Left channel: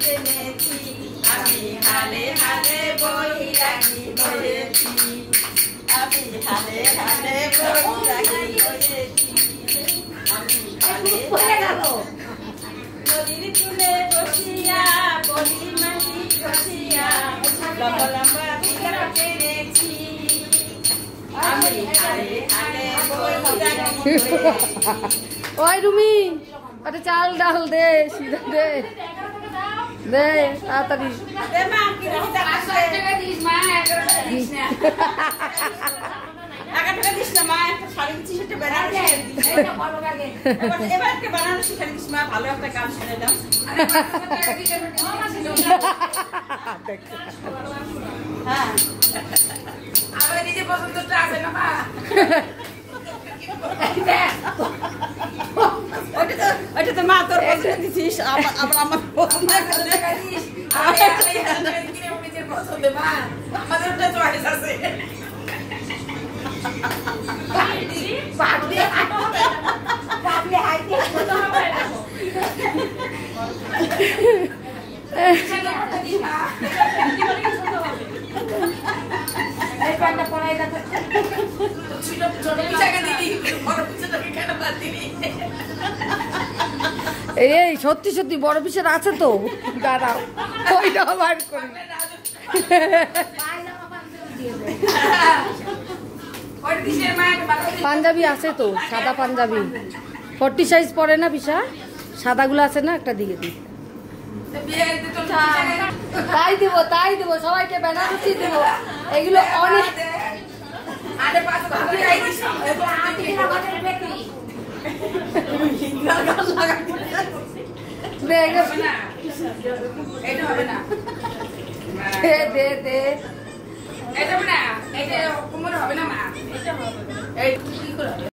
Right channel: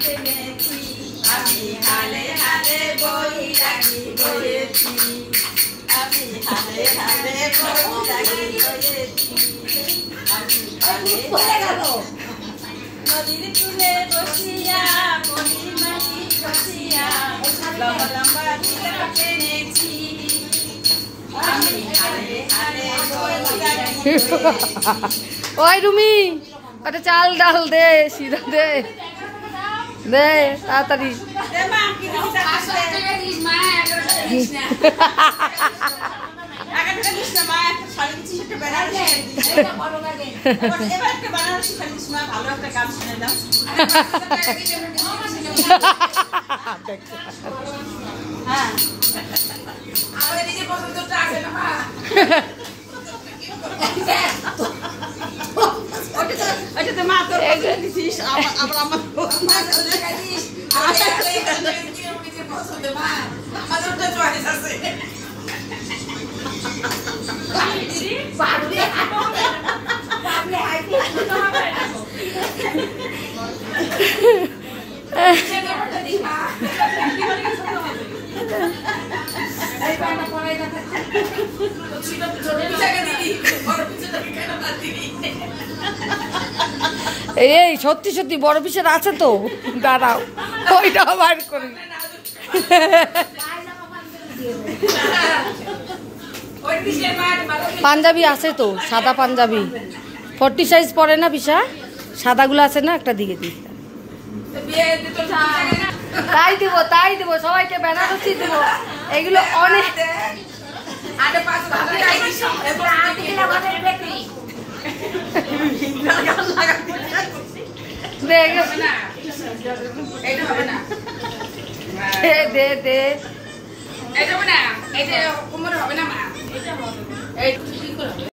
আমি হালে হালে বই লাগি বলেছি আমি হালে হালে বই লাগি বলেছি আমি হালে নদীর কূলে বসিয়া কলি মাটি বসিয়া লম্বা লম্বা বিঘা টেনেছি আমি হালে হালে বই লাগি ওই রুমি একটা চাল ডাল দে সিরা দে দে তাড়াতাড়ি এই সত্যি সত্যি বড় পিসের আছে তো দাঁড়াও ওইটাও বার করি পাঞ্জাবি আছে তো সাদা পাঞ্জাবি 40 সাইজ পরে না পিসা সাদাগুলো আছে না একটা দিকে দিই তাই দিব সবাইকে বেনারসি দিব এগুলো অনেক দে